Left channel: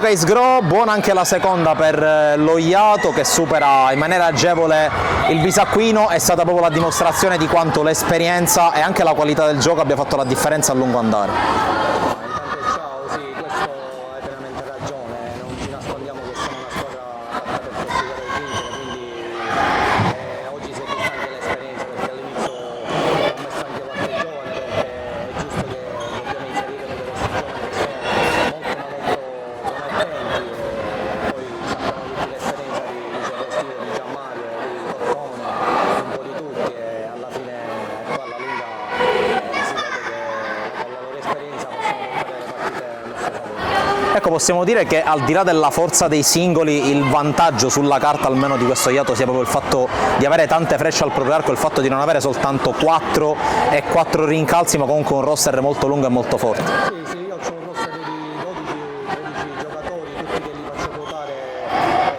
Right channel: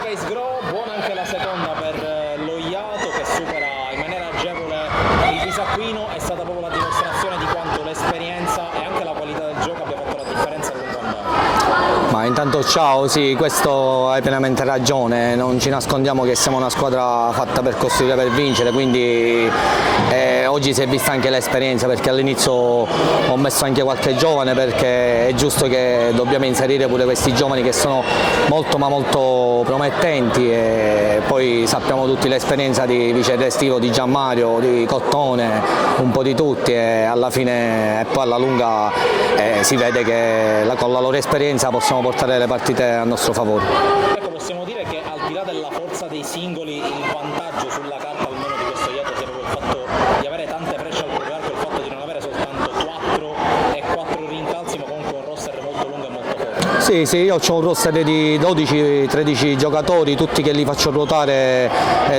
Luca Isgro, buona anche la seconda per l'Ogliato che supera in maniera agevole il Bisacquino. È stata proprio la dimostrazione di quanto l'esperienza e anche la qualità del gioco abbia fatto la differenza a lungo andare. Ma intanto ciao, sì, questo hai pienamente ragione, non ci nascondiamo che siamo una squadra fatta per costruire, per vincere, quindi oggi si è vista anche l'esperienza, perché all'inizio ho messo anche qualche giovane, perché è giusto che dobbiamo inserire pure questi giovani che sono molto ma molto promettenti, e poi sappiamo tutti l'esperienza di Vice Restivo, di Gianmario, di Cottone, un po' di tutti, e alla fine e poi alla lunga si vede che con la loro esperienza possiamo portare le partite a nostro favore. Ecco, possiamo dire che al di là della forza dei singoli, il vantaggio sulla carta almeno di questo Ogliato sia proprio il fatto di avere tante frecce al proprio arco, il fatto di non avere soltanto 4 rincalzi, ma comunque un roster molto lungo e molto forte. Sì, io ho un roster di 12-13 giocatori, tutti che li faccio ruotare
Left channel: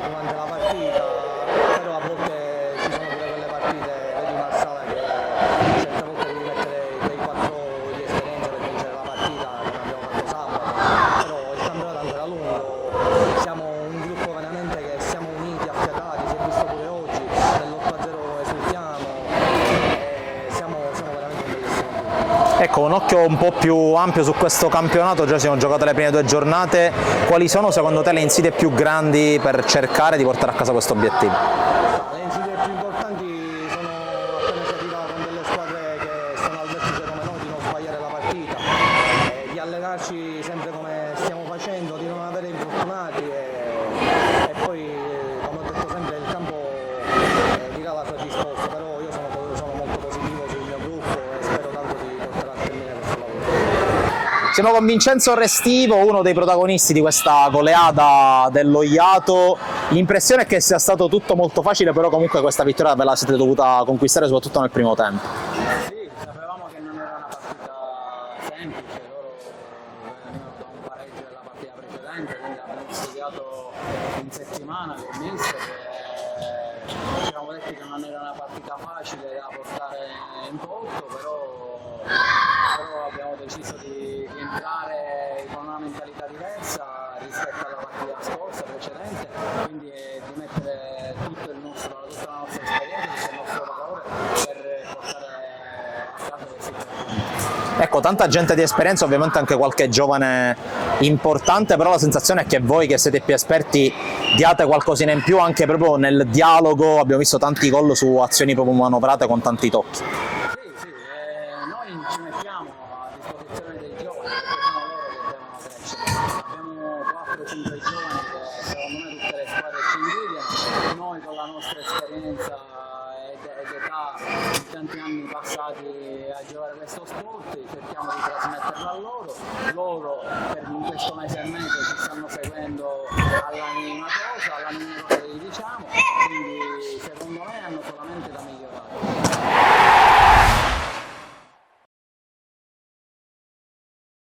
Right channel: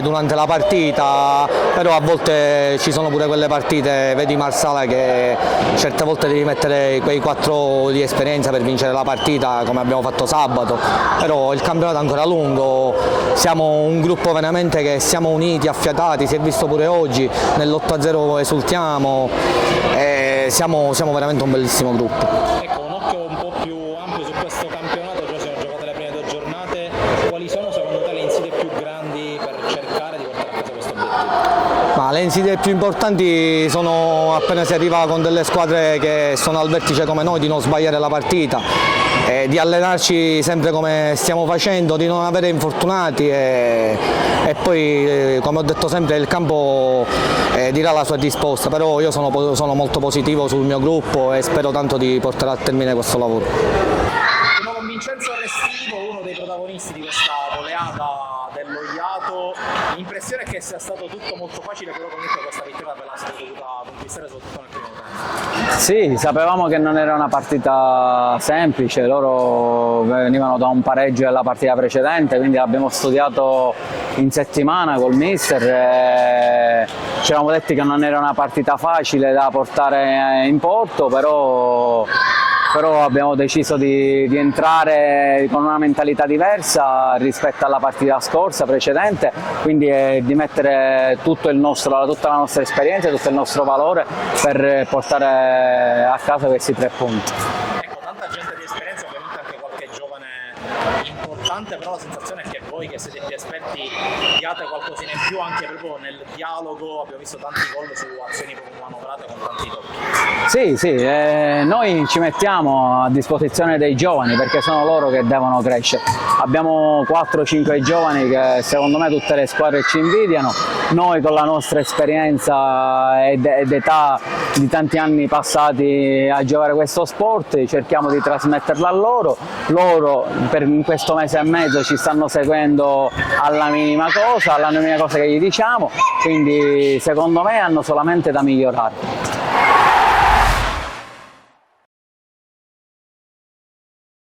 durante la partita, però a volte ci sono pure quelle partite, vedi Marsala, che certe volte devi mettere quei 4 di esperienza per vincere la partita, come abbiamo fatto sabato, però il campionato è ancora lungo, siamo un gruppo veramente che siamo uniti, affiatati, si è visto pure oggi, nell'8-0 esultiamo, siamo veramente un bellissimo gruppo. Ecco, un occhio un po' più ampio su questo campionato, già si sono giocate le prime 2 giornate, quali sono secondo te le insidie più grandi per cercare di portare a casa questo obiettivo? Ma le insidie più importanti sono, appena si arriva con delle squadre che sono al vertice come noi, di non sbagliare la partita, di allenarci sempre come stiamo facendo, di non avere infortunati, e poi come ho detto sempre il campo dirà la sua risposta, però io sono molto positivo sul mio gruppo e spero tanto di portare a termine questo lavoro. Siamo con Vincenzo Restivo, uno dei protagonisti di questa goleada dell'Ogliato. L'impressione è che sia stato tutto molto facile, però comunque questa vittoria ve la siete dovuta conquistare soprattutto nel primo tempo. Sì, sapevamo che non era una partita semplice, loro venivano da un pareggio della partita precedente, quindi l'abbiamo studiato in settimana col mister e ci eravamo detti che non era una partita facile da portare in porto, però abbiamo deciso di entrare con una mentalità diversa rispetto alla partita scorsa, precedente, quindi di mettere tutta la nostra esperienza, tutto il nostro valore per portare a casa questi 3 punti. Ecco, tanta gente di esperienza, ovviamente anche qualche giovane importante, però la sensazione è che voi che siete più esperti diate qualcosina in più anche proprio nel dialogo, abbiamo visto tanti gol su azioni proprio manovrate con tanti tocchi. Sì, noi ci mettiamo a disposizione dei giovani perché sono loro che devono crescere. Abbiamo 4-5 giovani che secondo me tutte le squadre ci invidiano, noi con la nostra esperienza ed età di tanti anni passati a giocare questo sport cerchiamo di trasmetterla a loro, in questo mese e mezzo ci stanno seguendo alla minima cosa che gli diciamo, quindi secondo me hanno solamente da migliorare.